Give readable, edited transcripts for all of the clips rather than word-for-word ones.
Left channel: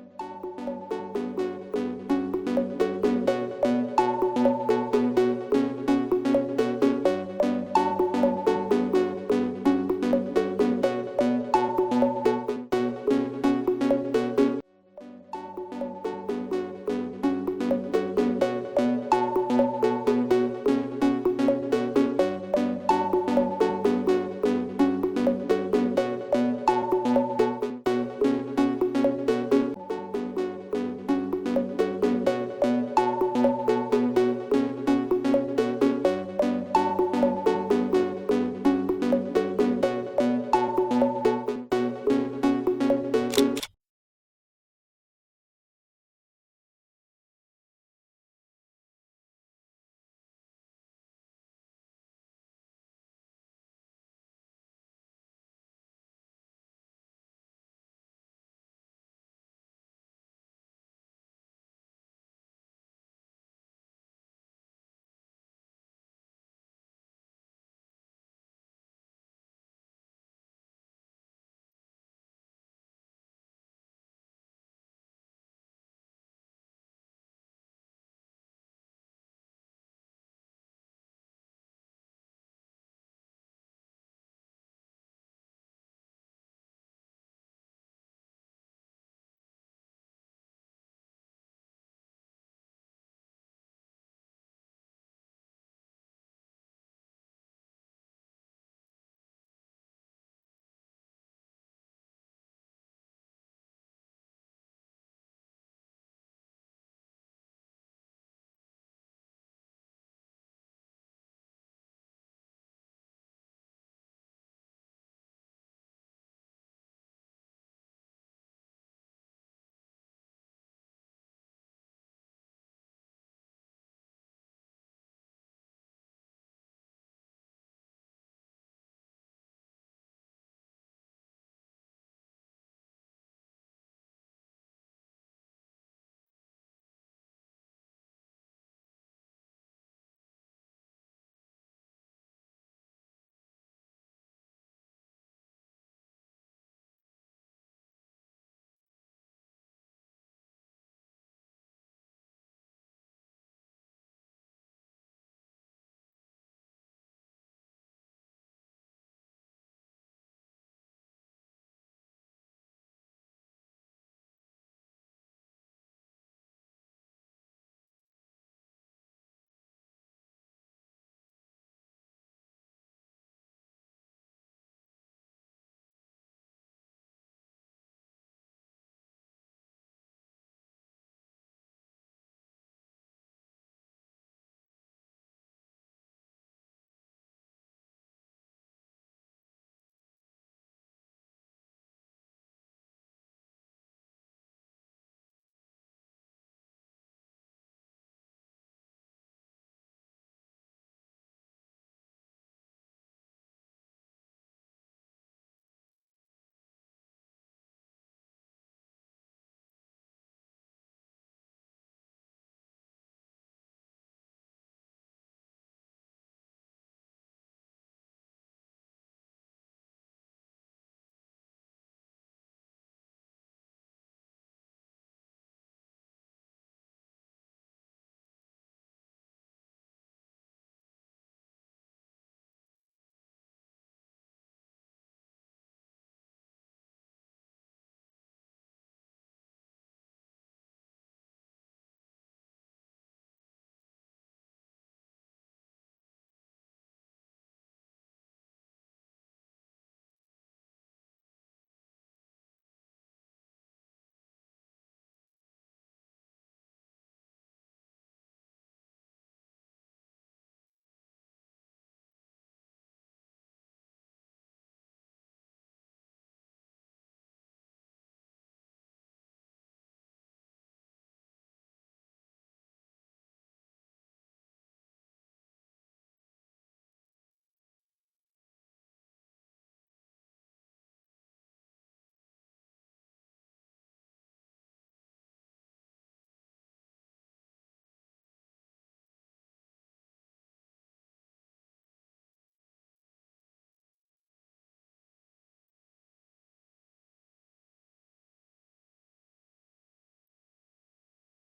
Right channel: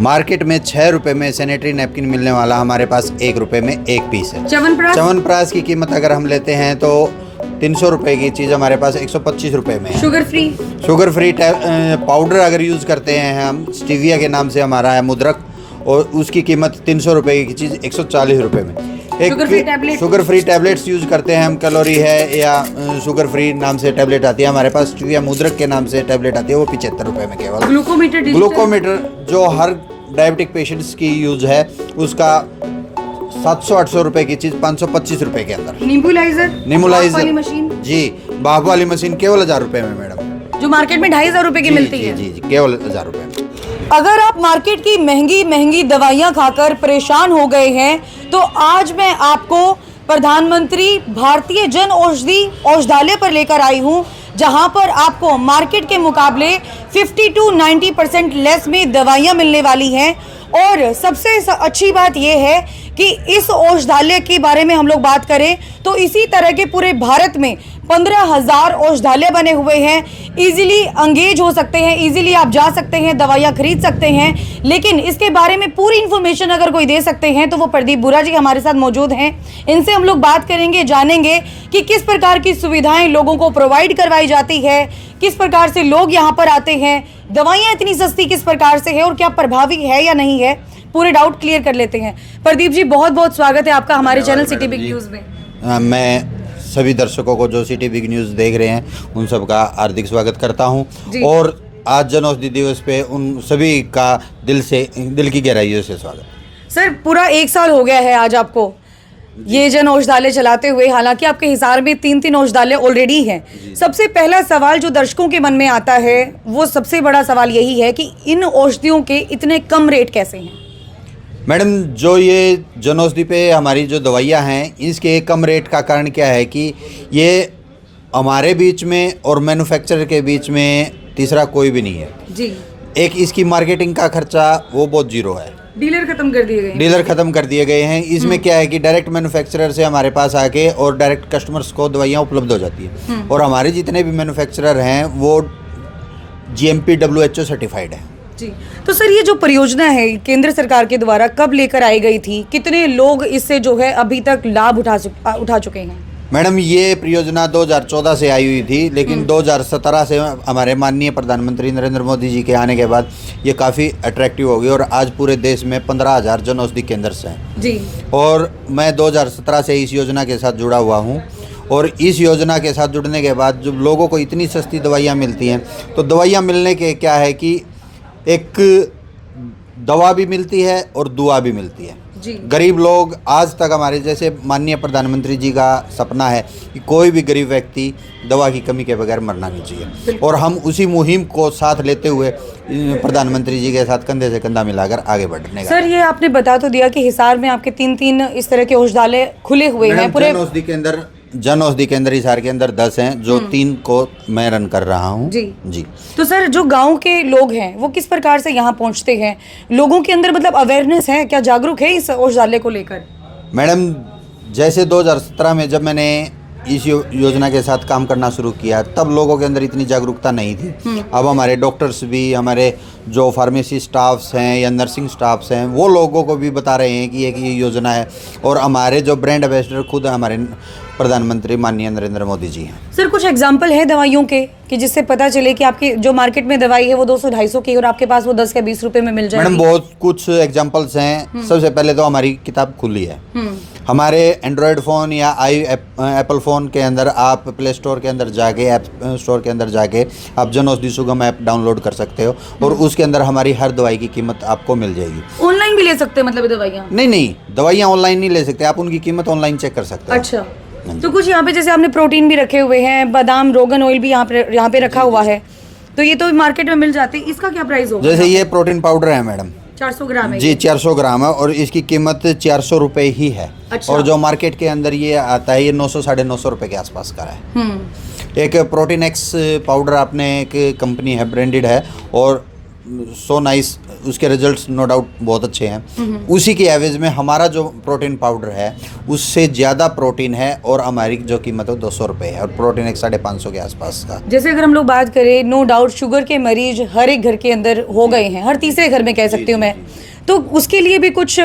Market में 6 रुपए में सैनिटरी नैपकिन मिलने वाला हमारे पास 1 रुपए में एक पीस है। च्यवनप्राश की कीमत अगर हम लेते हैं तो 300 रुपए की चीज़ हमारे पास 125 रुपए में है। शुगर फ्री पाउडर अगर यूज़ करते हैं हम, स्टीविया के नाम से हमारा है मुद्रक, और उसकी कीमत 300 रुपए की चीज़ 140 रुपए में। शुगर फ्री टैबलेट्स यूज़ करते हैं हम, कैलोरी है या शुगर फ्री नाम से टैबलेट आती है हमारे पास, स्टीविया मुद्रक के नाम से टैबलेट आती है, वो 75 रुपए में केवल। ग्लूकोमीटर जो हर डायबिटिक पेशेंट्स की यूज है, उसका 700-800 रुपए की चीज 525 रुपए के अंदर। नींबुलाइजर जी, भाप वाली मशीन केवल 1000 रुपए में मैडम, जो मार्केट में 2500 रुपए की मिलती है। जी केवल 1000 रुपए। अगर आप मार्केट की महंगी महंगी दवाइयां खाकर परेशान हो गए हैं तो आज मैं आपको प्रधानमंत्री भारतीय जन औषधि औषधालय पर लेकर आई हूं, जहां पर आपको मार्केट के मुकाबले 50 to 90% लेस में दवाइयां मिलने वाली हैं। और सबसे अच्छी बात यह है कि इस औषधालय के बारे में हम लोग बात करें तो इसी तरह के पूरे भारत में 15,000 औषधालय बने हुए हैं। इजीली एंगेज हो सकते हैं, इजीली आप जा सकते हैं, दवाइयाँ खरीद सकते हैं। लेकिन इसके बारे में पूरी इन्फॉर्मेशन अगर कोई दे सकते हैं तो वो प्रदीप बुरा जी हमारे साथ मौजूद हैं। इनसे हम लोग बात करेंगे, जानेंगे कि किस प्रकार की सुविधाएं लोगों को प्रोवाइड करवाई जाती है, किस प्रकार से लोग यहाँ पर आते हैं, दवाइयाँ इतनी सस्ती किस प्रकार से है और क्या प्रभावी है या नहीं है, पूरे डाउट क्लियर कर लेते हैं। प्रदीप जी बहुत बहुत स्वागत है आपका हमारे चैनल सिटी बिग न्यूज़ में। मैं सभी दर्शकों को जो सिटी बिग न्यूज़ देख रहे हैं उन सबका हार्दिक स्वागत करता हूं, और आज जन औषधि दिवस पे उन सभी का दिल की गहराइयों से स्वागत। सर पूरा 1 साल हो गया है आज आपको ये जन औषधालय चलाते हुए, हालांकि आपके हिसार में 3 औषधालय ऑलरेडी हैं। सबसे पहला सवाल जो दर्शकों के मन में आता है वो सबसे बड़ा सवाल यही है कि इन औषधियों के इतने कम रेट कैसे हैं? मैडम, जो ये जन औषधि पे हमारी जो दवाइयाँ हैं, इसके कम रेट का कारण क्या है कि ये हमारे बीच में और मैन्युफैक्चरर के बीच में तीसरा कोई भी नहीं है जी। एक इसकी मार्केटिंग का खर्चा वो बहुत जीरो है, डीलर खत्म कर दिए गए हैं। इसमें क्या है कि डायरेक्ट मैन्युफैक्चरर से हमारे पास आके और डायरेक्ट कस्टमर्स को दवाइयाँ उपलब्ध हो जाती है, और हमारे जितने भी मैन्युफैक्चरर हैं वो GMP WHO सर्टिफाइड है जी। तो सर ये जो परियोजना है केंद्र सरकार के द्वारा कब लेकर आई गई थी, कितने लोग इससे जो है अभी तक लाभ उठा चुके हैं? मैडम, ये परियोजना 2014 से आई हुई थी, लेकिन 2017 से हमारे माननीय प्रधानमंत्री नरेंद्र मोदी जी के आने के बाद ये काफ़ी अट्रैक्टिव हो गई, और आज पूरे देश में 15,000 जन औषधि केंद्र हैं जी। और मैं 2017 से इस योजना के साथ जुड़ा हुआ हूँ, और इस योजना के साथ जुड़ने के बाद जब लोगों को इतनी सस्ती दवाइयाँ मिलती हैं, तो दवाइयाँ मिलने के क्या है कि एक दवा भी मिलती है और दुआ भी मिलती है जी। गरीब लोग, आज तक हमारे जैसे माननीय प्रधानमंत्री जी का सपना है कि कोई भी गरीब व्यक्ति दवा की कमी के बगैर मरना नहीं चाहिए, और हम उसी मुहिम को साथ लेते हुए प्रधानमंत्री जी के साथ कंधे से कंधा मिलाकर आगे बढ़ने का। सर ये आपने बता तो दिया कि हिसार में आपके 3 इस तरह के औषधालय खुले हुए हैं पूरे। जन औषधि केंद्र हिसार के अंदर 10 हैं, जो 3 को मैं रन कर रहा हूँ जी। तो सर जो गांव के लोग हैं वो किस प्रकार से यहाँ पहुँचते हैं, लोगों के अंदर मतलब अवेयरनेस है, क्या जागरूक है इस औषधालय को लेकर? मैडम, जैसे 2017 में जब मैंने इस योजना के साथ काम करना शुरू किया, तब लोगों के अंदर इतनी जागरूकता नहीं थी। अब हमारे डॉक्टर्स भी, हमारे जो फार्मेसी स्टाफ्स हैं या नर्सिंग स्टाफ्स हैं, वो लोगों को भी बता रहे हैं कि ये योजना है, और हमारे जो ब्रांड एम्बेसडर खुद हमारे प्रधानमंत्री माननीय नरेंद्र मोदी जी हैं। सर कुछ एग्जाम्पल है दवाइयों के कि जिससे पता चले कि आपकी जो मार्केट में दवाई है वो 200-250 की और आपके पास वो 10 या 20 रुपए में मिल जाएगी? मैडम, बहुत कुछ एग्जाम्पल्स हैं। सबसे पहले तो हमारी किताब खुली है। हमारे एंड्रॉयड फ़ोन या एप्पल फ़ोन के अंदर आप प्ले स्टोर के अंदर जाके, ऐप स्टोर के अंदर जाके आप जन औषधि सुगम ऐप डाउनलोड कर सकते हो, और उसके अंदर हमारी हर दवाई की कीमत आपको मिल जाएगी। ऑनलाइन भी ले सकते हैं मतलब दवाइयाँ? नहीं, दवाइयाँ ऑनलाइन नहीं ले सकते आप, उनकी कीमत ऑनलाइन चेक कर सकते हैं। अच्छा, तो कुछ यहाँ पे जैसे आपने प्रोटीन भी रखे हुए हैं, बादाम रोगन ऑयल भी यहाँ पे रखा हुआ है, तो ये तो मार्केट में मिल जाते हैं। इसका क्या प्राइस होगा? जैसे ये प्रोटीन पाउडर है मैडम, 400 ग्राम है जी, 400 ग्राम है, और इसकी कीमत 400 रुपये ही है। अच्छा। और जो मार्केट के अंदर ये आता है, ये 900-950 रुपये के आसपास का है। एक प्रोटीन एक्स पाउडर, आपने एक कंपनी है, ब्रांडेड है, और सो नाइस, उसके रिजल्ट्स नो डाउट बहुत अच्छे हैं। उसी की एवरेज में हमारा जो प्रोटीन पाउडर है उससे ज़्यादा प्रोटीन है और हमारी जो कीमत है 200 रुपये है और प्रोटीन 550 के आसपास का। जैसे अगर हम लोग बात करें, नो डाउट शुगर के मरीज हर एक घर के अंदर हो गए हैं, हर तीसरे घर में कह सकती हूँ मैं, तो उसके लिए भी कुछ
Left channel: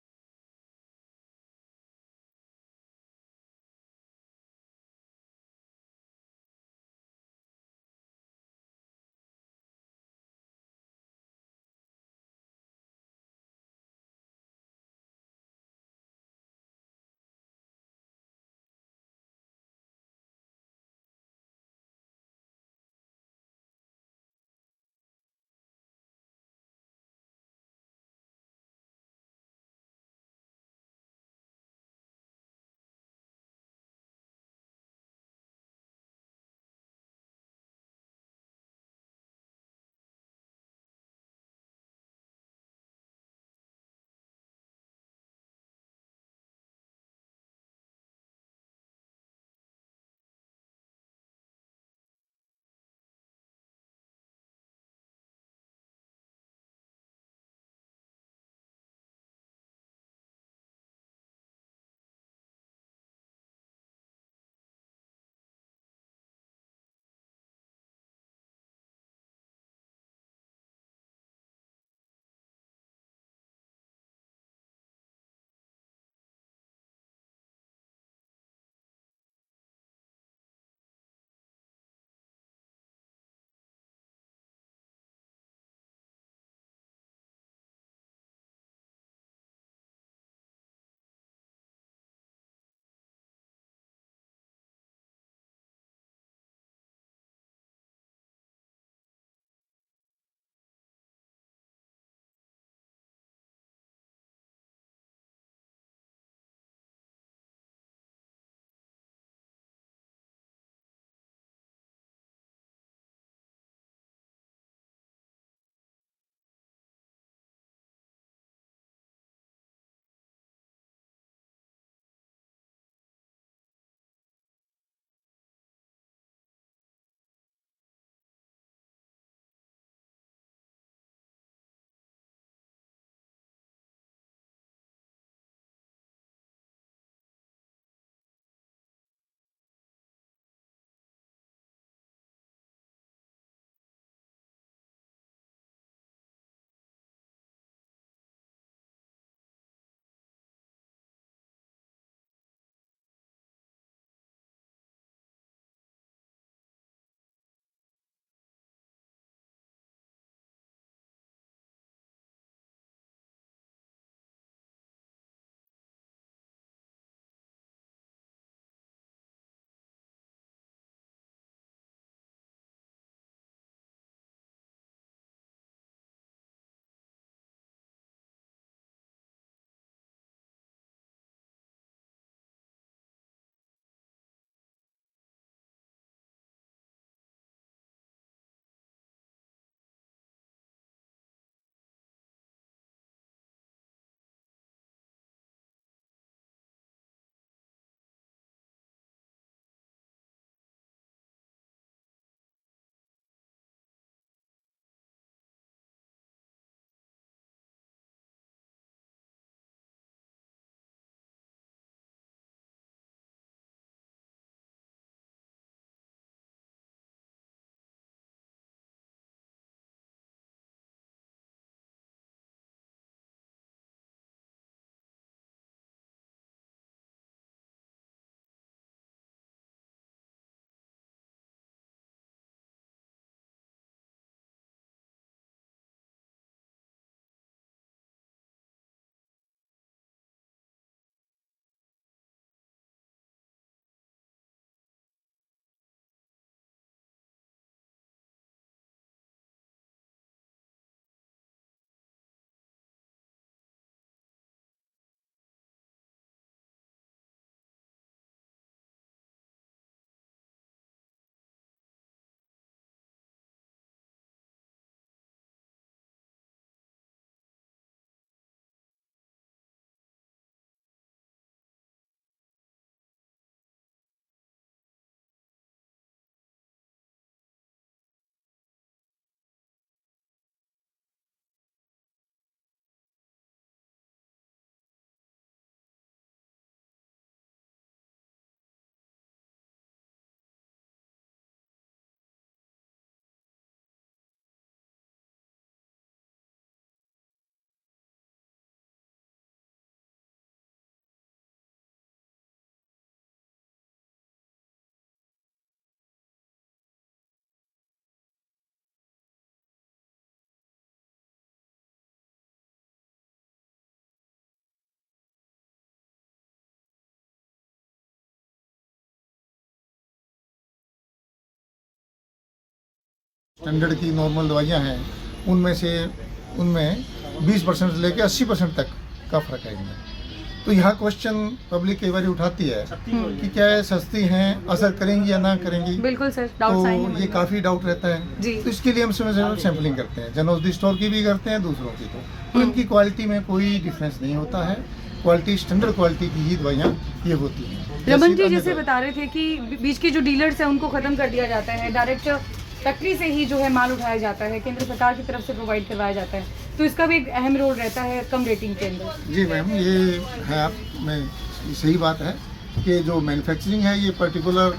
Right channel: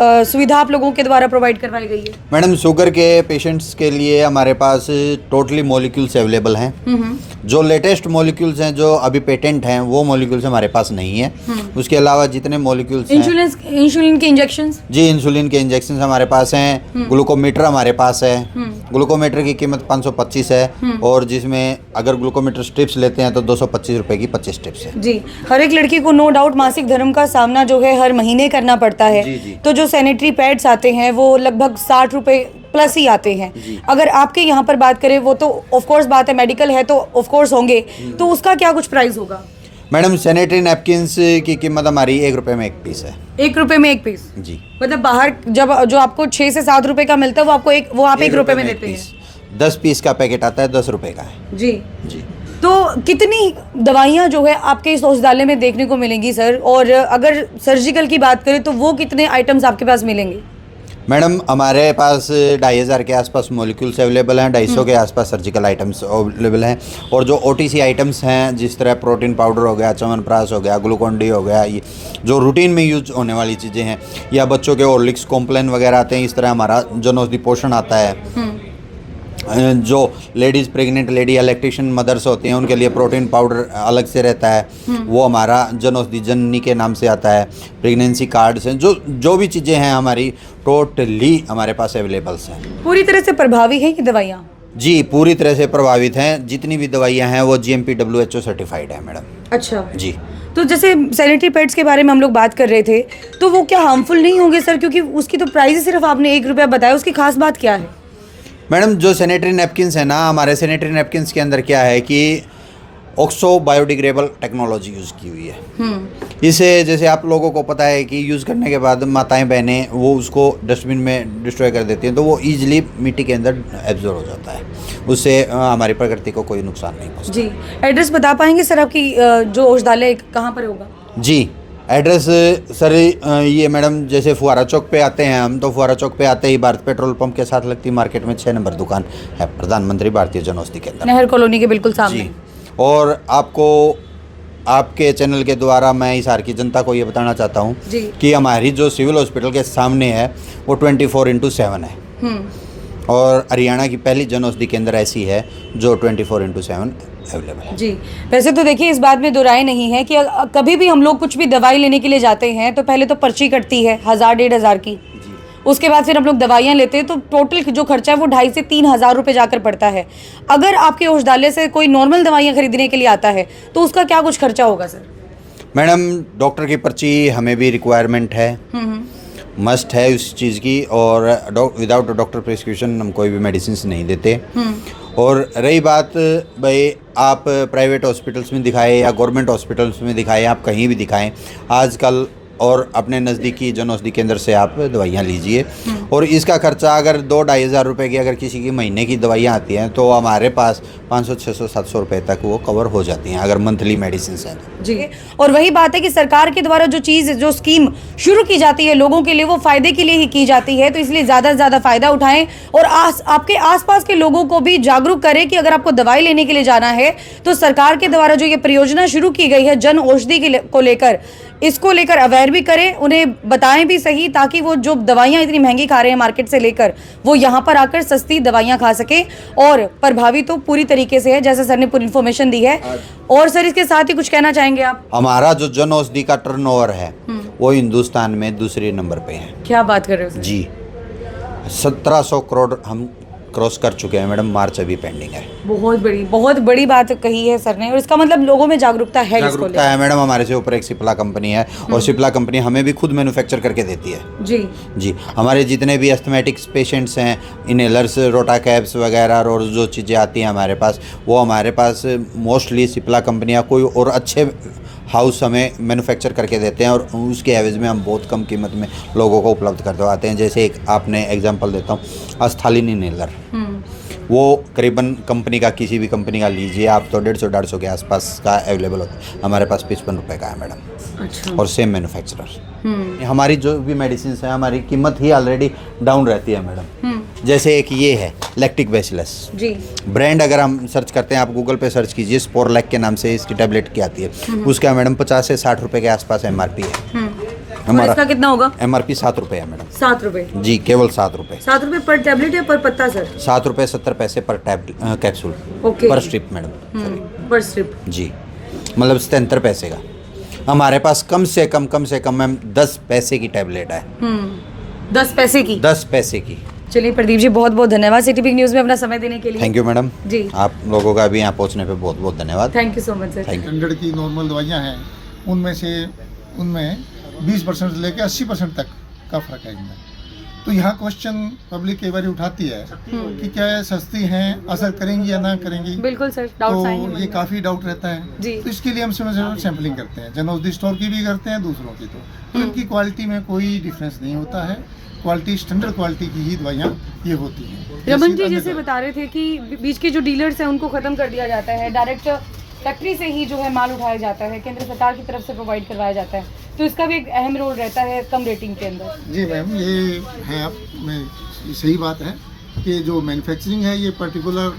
सुविधा आप लोगों के द्वारा प्रोवाइड करवाई गई है? मैडम शुगर के पेशेंट्स के लिए हमारे पास टोटली मॉलिक्यूल्स अवेलेबल हैं। जो लेटेस्ट मॉलिक्यूल्स हैं जो अभी पेटेंट हैं वो मॉलिक्यूल्स हमारे पास नहीं है। उसके अलावा जितने मॉलिक्यूल्स हैं, इंसुलिन के इंजेक्शंस, जी इंसुलिन के इंजेक्शन हमारे पास हैं। ग्लूकोमीटर हमारे पास है। ग्लूकोमीटर की कीमत 525 है और जिसमें अगर ग्लूकोमीटर स्ट्रिप्स लेते हैं तो 225 रुपये की 25 स्ट्रिप्स है। जी, हर एक लड़की को नो डाउट मासिक धर्म का सामना जो है हर महीने करना पड़ता है। जी। तो जो सैनिटरी पैड्स आते हैं वो लगभग 60 रुपए प्लस ही आते हैं। अगर आपके यहाँ पर बात करें, वो तो ऑफ कोर्स बात है, मेडिकल है तो ऑफ कोर्स होंगे, तो उसका क्या कुछ प्राइस होगा? मैडम सैनिटरी नैपकिन्स की कीमत हमारी 1 रुपये में 1 पीस है। 1 रुपये में 1 पीस? जी। मतलब बाहर जब जो आपको 6 से 7 रुपए का मिलता है वो आपको आप 1 रुपये में देते हैं। 10 पीस का पैकेट आता है, 10 रुपये का है। जी। जी। तो कितनी दवाइयाँ जो है आपके इस औषधालय में देखने को मिलेंगी सर? और अगर सर्जिकल की बात करें तो वो कितने आइटम्स आपके पास मिलेंगे? मैडम हमारे पास 2500 के आसपास मॉलिक्यूल्स अवेलेबल हैं, 250 के आसपास सर्जिकल आइटम्स अवेलेबल हैं और जो OTC आइटम्स हैं जिस तरह प्रोटीन पाउडर हो गया, च्यवनप्राश हो गया, ग्लूकोन-डी हो गया, ये जो रूटीन में यूज होने वाली चीज़ें हैं, या बच्चों के हॉर्लिक्स कॉम्प्लेन वगैरह आते हैं, इस तरह हमारा जन औषधि पोषण आता है। जो लेडीज़ प्रेग्नेंट लेडी या लैक्टेशन मदर्स होती हैं उनके लिए प्रोटीन पाउडर अलग से रहता है, वो हमारा जन औषधि जननी के नाम से आता है। प्रेगनेंसी कार्ड्स हैं, जो भी चीज़ें हैं हमारी टोटली हमारे पास अवेलेबल्स हैं। पूरी तरह से प्रभावी है ये दवाइयाँ? जी पूरी तरह से प्रभावित हैं। जितनी भी दवाइयाँ हैं वो GMP WHO सर्टिफाइड है मैडम। अच्छा जी। तो जैसे सैनिटरी पैड्स के बारे में हम लोग बात कर रहे थे, तो वो क्या हार्मफुल नहीं होंगे सर? क्योंकि उसकी तो प्राइस सिर्फ आपने 1 रुपया बताया, उसकी खास बात क्या है? मैडम जो सैनिटरी नैपकिन्स है ना, हमारे सैनिटरी नैपकिन्स के अंदर क्या है कि ऑक्सो बायोडिग्रेडेबल टेक्नोलॉजी यूज़ की हुई है। इसे जैसे आप लोगों को पता है कि यूज़ करने के बाद माताएं बहनें वो उसको डस्टबिन में डिस्ट्रॉय कर देती हैं, तो वो ईजिली मिट्टी के अंदर एब्जॉर्ब हो जाता है, उससे हमारी प्रकृति को कोई नुकसान नहीं पहुँचता। जी, एड्रेस बता पाएंगे सर आपकी जो औषधालय कहाँ पर होगा? जी, एड्रेस सर ये मैडम जैसे फुहारा चौक पे आते हैं हम, तो फुहारा चौक पे आते ही भारत पेट्रोल पंप के साथ लगती मार्केट में 6 नंबर दुकान है प्रधानमंत्री भारतीय जन औषधि केंद्र, नहर कॉलोनी के बिल्कुल सामने। जी। और आपको आपके चैनल के द्वारा मैं हिसार की जनता को ये बताना चाहता हूँ कि हमारी जो सिविल हॉस्पिटल के सामने है वो 24/7 है और हरियाणा की पहली जन औषधि केंद्र ऐसी है जो 24/7 अवेलेबल है। जी, वैसे तो देखिए इस बात में दो राय नहीं है कि कभी भी हम लोग कुछ भी दवाई लेने के लिए जाते हैं तो पहले तो पर्ची कटती है 1000-1500 की, उसके बाद फिर हम लोग दवाइयाँ लेते हैं तो टोटल जो खर्चा है वो 2500 से 3000 रुपये जाकर पड़ता है। अगर आपके औषधालय से कोई नॉर्मल दवाइयाँ खरीदने के लिए आता है तो उसका क्या कुछ खर्चा होगा सर? मैडम डॉक्टर की पर्ची हमें भी रिक्वायरमेंट है, मस्ट है उस चीज़ की, और विदाउट डॉक्टर प्रिस्क्रिप्शन हम कोई भी मेडिसिन नहीं देते। और रही बात भाई आप प्राइवेट हॉस्पिटल्स में दिखाएं या गवर्नमेंट हॉस्पिटल्स में दिखाएं, आप कहीं भी दिखाएं आजकल, और अपने नज़दीकी जन औषधि केंद्र से आप दवाइयाँ लीजिए। और इसका खर्चा अगर 2-2.5 हज़ार रुपये की अगर किसी की महीने की दवाइयाँ आती हैं तो हमारे पास 500, 600, 700 रुपये तक वो कवर हो जाती हैं अगर मंथली मेडिसिन हैं। जी, और वही बात है कि सरकार के द्वारा जो चीज़ जो स्कीम शुरू की जाती है लोगों के लिए वो फ़ायदे के लिए ही की जाती है, तो इसलिए ज़्यादा से ज़्यादा फ़ायदा उठाएं और आपके आसपास के लोगों को भी जागरूक करें कि अगर आपको दवाई लेने के लिए जाना है तो सरकार के द्वारा जो ये परियोजना शुरू की गई है जन औषधि को लेकर, इसको लेकर अवेयर भी करें, उन्हें बताएं भी सही, ताकि वो जो दवाइयाँ इतनी महंगी खा रहे हैं मार्केट से लेकर वो यहाँ पर आकर सस्ती दवाइयाँ खा सके। और प्रभावी तो पूरी तरीके से है जैसे सर ने पूरी इन्फॉर्मेशन दी है। और सर इसके साथ ही कुछ कहना चाहेंगे आप? हमारा जो जन औषधि का टर्नओवर है वो हिंदुस्तान में दूसरे नंबर पे है। क्या बात कर रहे हो जी, 1700 करोड़ हम क्रॉस कर चुके हैं मैडम, मार्च अभी पेंडिंग है। बहुत बड़ी बात कही है सर ने, और इसका मतलब लोगों में जागरूकता है। जागरूकता है मैडम। हमारे से ऊपर एक सिप्ला कंपनी है और सिप्ला कंपनी हमें भी खुद मैन्युफैक्चर करके देती है। जी, हमारे जितने भी एस्थमेटिक्स पेशेंट्स हैं, इनहेलर्स, रोटा कैप्स वगैरह और जो चीज़ें आती हैं हमारे पास, वो हमारे पास मोस्टली सिप्ला कंपनियाँ कोई और अच्छे हाउस हमें मैन्युफैक्चर करके देते हैं और उसके एवज में हम बहुत कम कीमत में लोगों को उपलब्ध करवाते हैं। जैसे एक आपने एग्जांपल देता हूँ, अस्थालिन इनहेलर वो करीबन कंपनी का, किसी भी कंपनी का लीजिए आप तो 150-150 के आसपास का अवेलेबल होता है। हमारे पास 55 रुपये का है मैडम। अच्छा। और सेम मैन्युफैक्चरर। हमारी जो भी मेडिसिन है हमारी कीमत ही ऑलरेडी डाउन रहती है मैडम। जैसे एक ये है लैक्टिक बेसिलस जी, ब्रांड, अगर हम सर्च करते हैं, आप गूगल पे सर्च कीजिए, स्पोरलैक के नाम से इसकी टैबलेट की आती है। उसका मैडम 50 से 60 रुपये के आसपास MRP है। और इसका कितना होगा? MRP 7 रुपये है मैडम। 7 रुपये? जी, केवल 7 रुपये। 7 रुपये पर टैबलेट या पर पत्ता सर? 7 रुपये 70 पैसे पर कैप्सूल, ओके, पर स्ट्रिप मैडम। पर स्ट्रिप जी, मतलब 77 पैसे का। हमारे पास कम से कम मैम 10 पैसे की टैबलेट है। 10 पैसे की? 10 पैसे की। चलिए प्रदीप जी, बहुत बहुत धन्यवाद सिटी बिग न्यूज़ में अपना समय देने के लिए। थैंक यू मैडम जी, आप लोगों का भी यहाँ पहुँचने पे बहुत बहुत धन्यवाद। Thank you so much sir. Thank you. 100 की नॉर्मल दवाइयाँ हैं, उनमें 20% से लेकर 80% तक का फ़र्क है इनमें। तो यहाँ क्वेश्चन पब्लिक कई बार उठाती है कि क्या ये सस्ती हैं, असर करेंगी या ना करेंगी। बिल्कुल सर, डाउट्स आएंगे। तो ये काफ़ी डाउट रहता है जी। तो इसके लिए हम समय समय सैम्पलिंग करते हैं, जन औषधि स्टोर की भी करते हैं, दूसरों की। तो इनकी क्वालिटी में कोई डिफरेंस नहीं होता है। क्वालिटी, स्टैंडर्ड क्वालिटी की ही दवाइयाँ ये होती हैं। रमन जी अन्य जैसे बता रहे थे कि बीच के जो डीलर्स हैं उनको खत्म कर दिया जाता है, डायरेक्ट फैक्ट्री से ही जो है माल उठाया जाता है, केंद्र सरकार की तरफ से प्रोवाइड करवाया जाता है, तो इसका भी एक अहम रोल रहता है कम रेटिंग के अंदर। जी मैम, ये है आप में सही बात है कि जो मैन्युफैक्चरिंग है ये पर्टिकुलर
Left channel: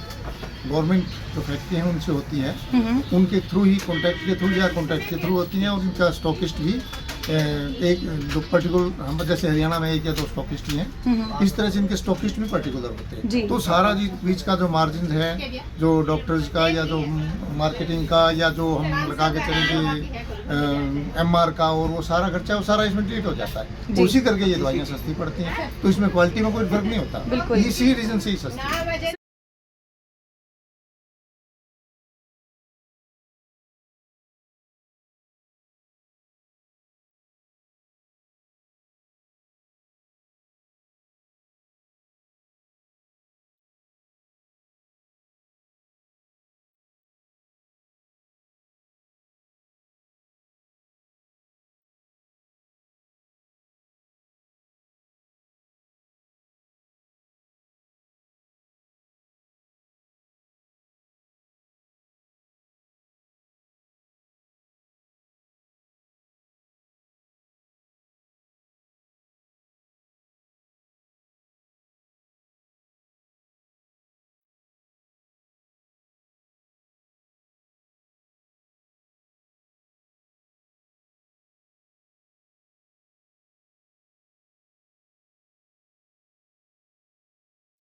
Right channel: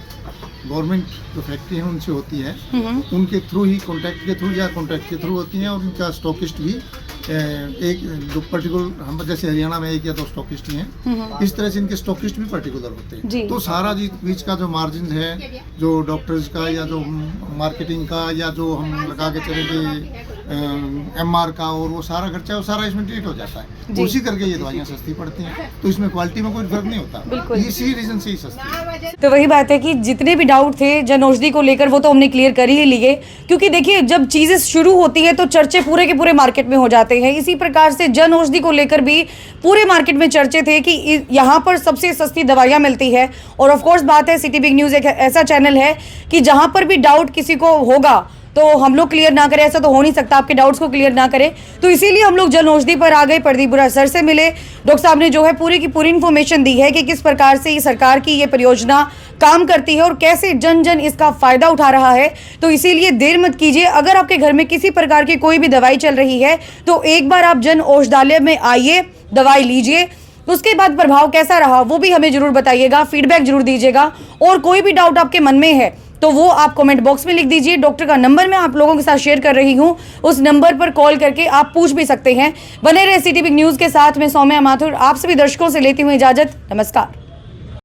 गवर्नमेंट जो फैक्ट्री है उनसे होती है, उनके थ्रू ही, कॉन्ट्रैक्ट के थ्रू या कॉन्ट्रैक्ट के थ्रू होती हैं। और इनका स्टॉकिस्ट भी एक जो पर्टिकुलर, हम जैसे हरियाणा में 1 या 2 स्टॉकिस्ट ही हैं, इस तरह से इनके स्टॉकिस्ट भी पर्टिकुलर होते हैं। तो सारा जी बीच का जो मार्जिन है, जो डॉक्टर्स का या जो मार्केटिंग का या जो हम लगा के चलेंगे MR का, और वो सारा खर्चा, वो सारा इसमें ट्रीट हो जाता है। उसी करके ये दवाइयाँ सस्ती पड़ती हैं। तो इसमें क्वालिटी में कोई फर्क नहीं होता, इसी रीजन से ही सस्ती है। तो वही बात है कि जितने भी डाउट थे जन औषधि को लेकर वो तो हमने क्लियर कर ही लिए, क्योंकि देखिए जब चीज़ें शुरू होती है तो चर्चे पूरे के पूरे मार्केट में हो जाते हैं। इसी प्रकार से जन औषधि को लेकर भी पूरे मार्केट में चर्चे थे कि यहाँ पर सबसे सस्ती दवाइयाँ मिलती है। और ऑफ कोर्स बात है, सिटी बिग न्यूज़ एक ऐसा चैनल है कि जहाँ पर भी डाउट किसी को होगा तो हम लोग क्लियर ना करें, ऐसा तो हो नहीं सकता, आपके डाउट्स को क्लियर ना करें। तो इसीलिए हम लोग जन औषधि पर आ गए, प्रदीप बुरा सर से मिले। डॉक्टर साहब ने जो है पूरी की पूरी इन्फॉर्मेशन दी है कि किस प्रकार से ये सरकार की ये परियोजना काम करती है और कैसे जन जन इसका फायदा उठा रहा है। तो इसीलिए देर मत कीजिए, अगर आपके घर में किसी प्रकार की कोई भी दवाई चल रही है तो एक बार आप जन औषधालय में आइए, दवाई लीजिए, उसके बाद प्रभाव कैसा रहा वो भी हमें जरूर बताइएगा, फीडबैक जरूर दीजिएगा। और कोई भी डाउट आपके मन में है तो वो आप कमेंट बॉक्स में लिख दीजिए। डॉक्टर का नंबर मैं आप लोगों के साथ शेयर कर रही हूँ, उस नंबर पर कॉल करके आप पूछ भी सकते हैं। बने रहे सिटी बिग न्यूज़ के साथ। मैं सौम्या माथुर आप सभी दर्शकों से लेती हूँ इजाजत। नमस्कार।